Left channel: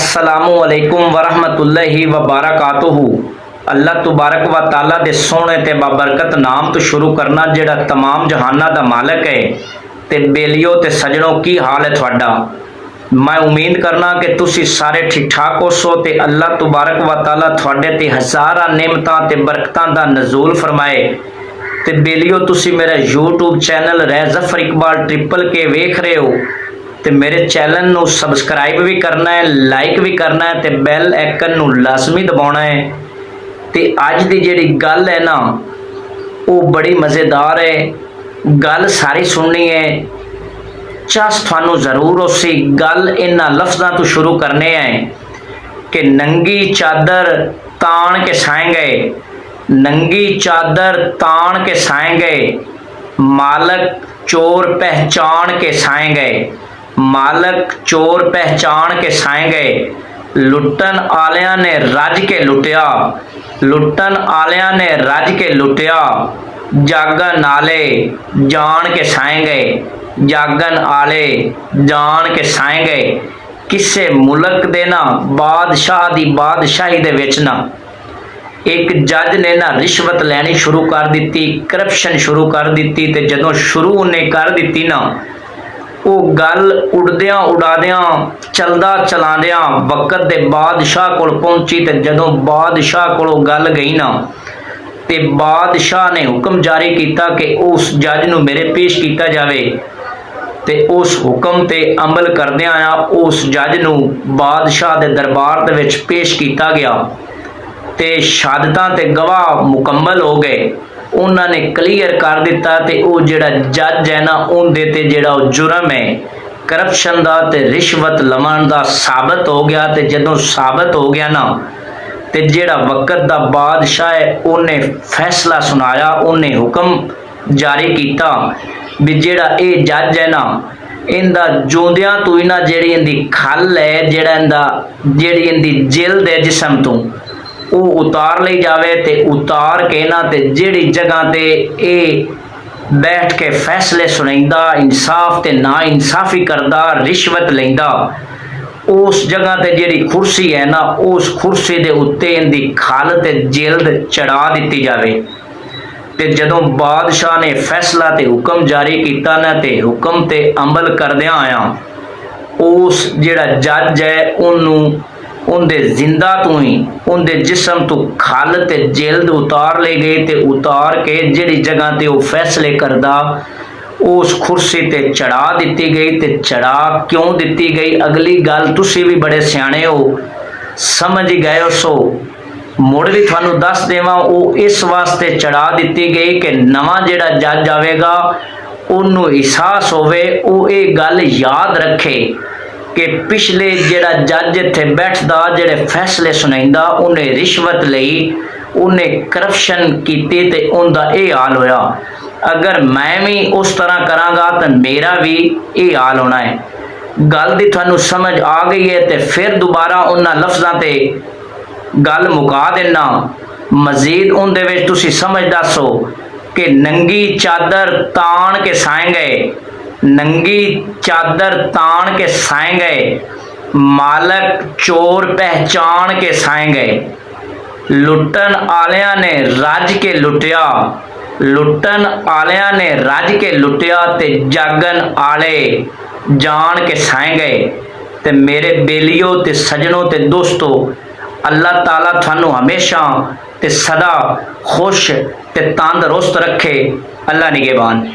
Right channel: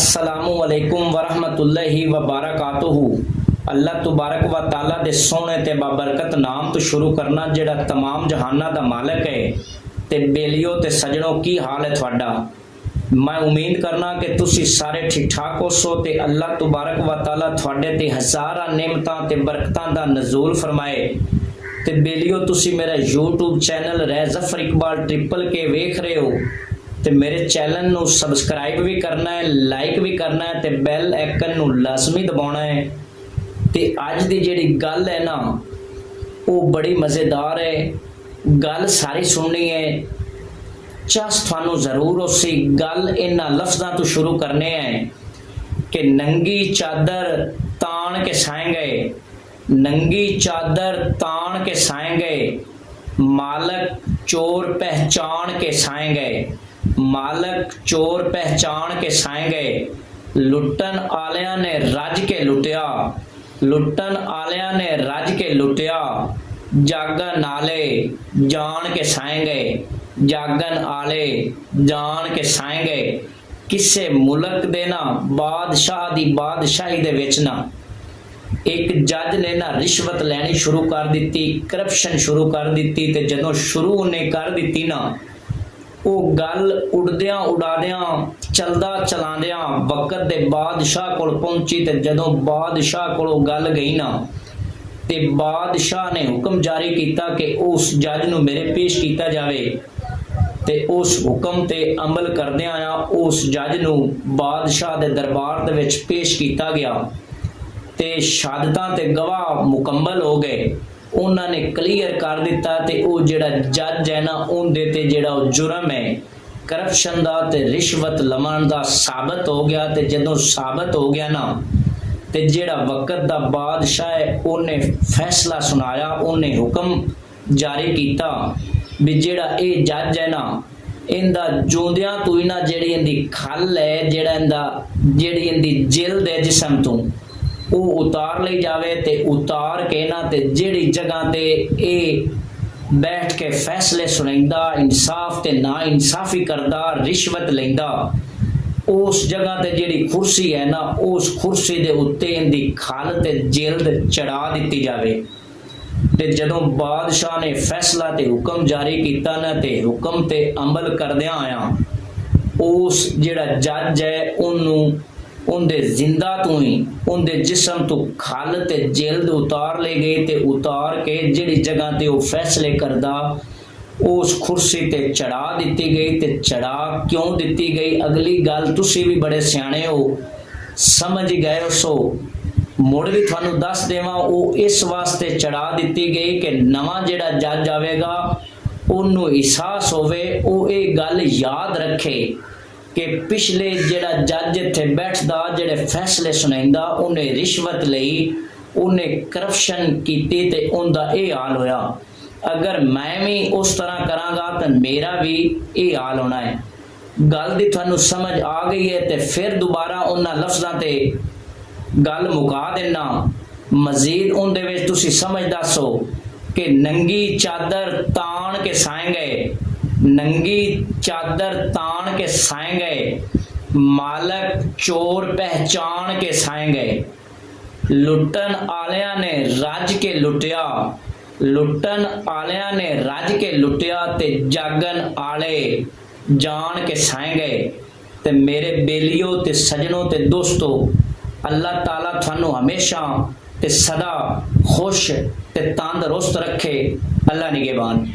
अस्सलामुअलैकुम वरहमतुल्लाहि वबरकातुहू। अल्लाह तबारक व ताला दे सोहणे ते बाबरकत नाम तो शुरू करना जिहड़ा तमाम जहाना दा मालक है। ते बेलियो ते सजणों की हाल है तुहाडा। मैं उम्मीद करना कि तुसी सारे ठीक ठाक होसो ते अल्लाह तबारक व ताला तुहाडे ते हज़ारां नेमतां ते बरकतां दा नज़ूल फरमाए। ते बेलियो तुसी मेरा YouTube channel Zafar Iqbal triple के वेख रहे हो तो मेरे चैनल नू सबसक्राइब भी करना है, लाइक भी करना है, तो बैल आइकन नू लाजमी दबाना है। तो अज की जिहड़ी गल है ना वो बड़ी मज़ेदार है। गल सारी सुननी है, चस थानू जरूर उसी गल इन्हां लफ्ज़ां तो शुरू करने हैं कि नंगी चादर तान के साए गए, नंगी चादर तान के साए गए, मालक चोर पहचान के साए गए, मालक चोर पहचान के साए गए। लुटन आलियां ने रज के लुटिया, लुटन आलियां ने रज के लुटिया, जागन आले जान के साए गए, जागन आले जान के साए गए। किसे मुल्क दे ना बादशाह दी बादशाही दे विच ना एक जज ने ना रिश्वत लैनी शुरू कर दी, करप्शन शुरू कर दी। ते जदों शुरू उन्हें कर दी ना वो गल उड़द्या उड़ाद्या चलदा चलाद्या वक्त दे बादशाह कोल पहुंची। ते जदों बादशाह कोलों गल गई ना ते बादशाह ने हुक्म जारी किया कि उस जज नूं मेरे पेश किया जाए। ते उस हुक्म ते अमल करदियां आ उस जज नूं बादशाह दे दरबार दे विच पेश किया गया। ते शहादतां ते गवाह मुकम्मल हो गए, उन्होंने क्लीयर कर दिता। ते वो जिहड़ा जज है ना उनदे ते जिहड़ा जुर्म है करप्शन दा ते रिश्वत लवन दा साबित हो गया। ते जदों साबित हो गया ना ते जिहड़ा वक्त दा बादशाह है उन्हें फैसला सुनाया, उन्हें हुक्म जारी किया भी जिहड़ा ये जज है ना इंदा जोंदियां तो ही ना जिहड़ी इंदी खल है, जिहड़ा इंदा जिहड़ी इंदी जिल्द है जिसम तो वो उतार ली जाए। ते उतार के ना ते जिहड़ी जगह ते ए बैठ के फैसले सुनाइंदा, इंसाफ ते ना इंसाफी करदा, रिश्वत लैंदा, उस जगह ते जिहड़ी कुर्सी है ना उस कुर्सी दे उत्ते इंदी खल ते जिल्द चढ़ा दी जाए। ते जदों बादशाह ने फैसला ते हुक्म जारी किया ना ते हुक्म ते अमल करदियां आया उस जिहड़ा जज है उन्होंने उनके जिंदा तो ही उनके जिसम तो खल ते जिल्द उतार ले गई। ते उतार के जिहड़ी जगह ते वो फैसले करदा उस कुर्सी ते चढ़ा दी गई। ते चढ़ा क्यों दी गई अगली गल तुसी भी बड़े सियाणे हो समझ गए हो, सो मुड़ भी थानू दस देवां। वो इस वास्ते चढ़ा दी गई कि नवां जिहड़ा जज आवेगा उन्होंने एहसास होवे, वो ये गल याद रखे कि पिछले जिहड़ा जज इत्थे बैठदा जिहड़े फैसले सुनाइंदा उन्हें रिश्वत लई, उन्हें करप्शन कीती ते उनदा ये हाल होया। अगर मैं भी उस तरह करांगा तो मेरा भी ये हाल होना है। गल दी थानू समझ आ गई है तो फिर दोबारा उन्हां लफ्ज़ां ते गल मुका देना। मजीद उनदे विच तुसी समझ दसो कि नंगी चादर तान के साए गए, नंगी चादर तान के साए गए, मालक चोर पहचान के साए गए। लुटन आलियां ने रज के लुटिया, लुटन आलियां ने रज के लुटिया, ते जागन आले जान के साए गए। ते मेरे बेलियो ते सजनों ते दोस्तों अल्लाह ताला थानू हमेशा ते सदा खुश ते तंदरुस्त रखे। अल्लाह निगहबान।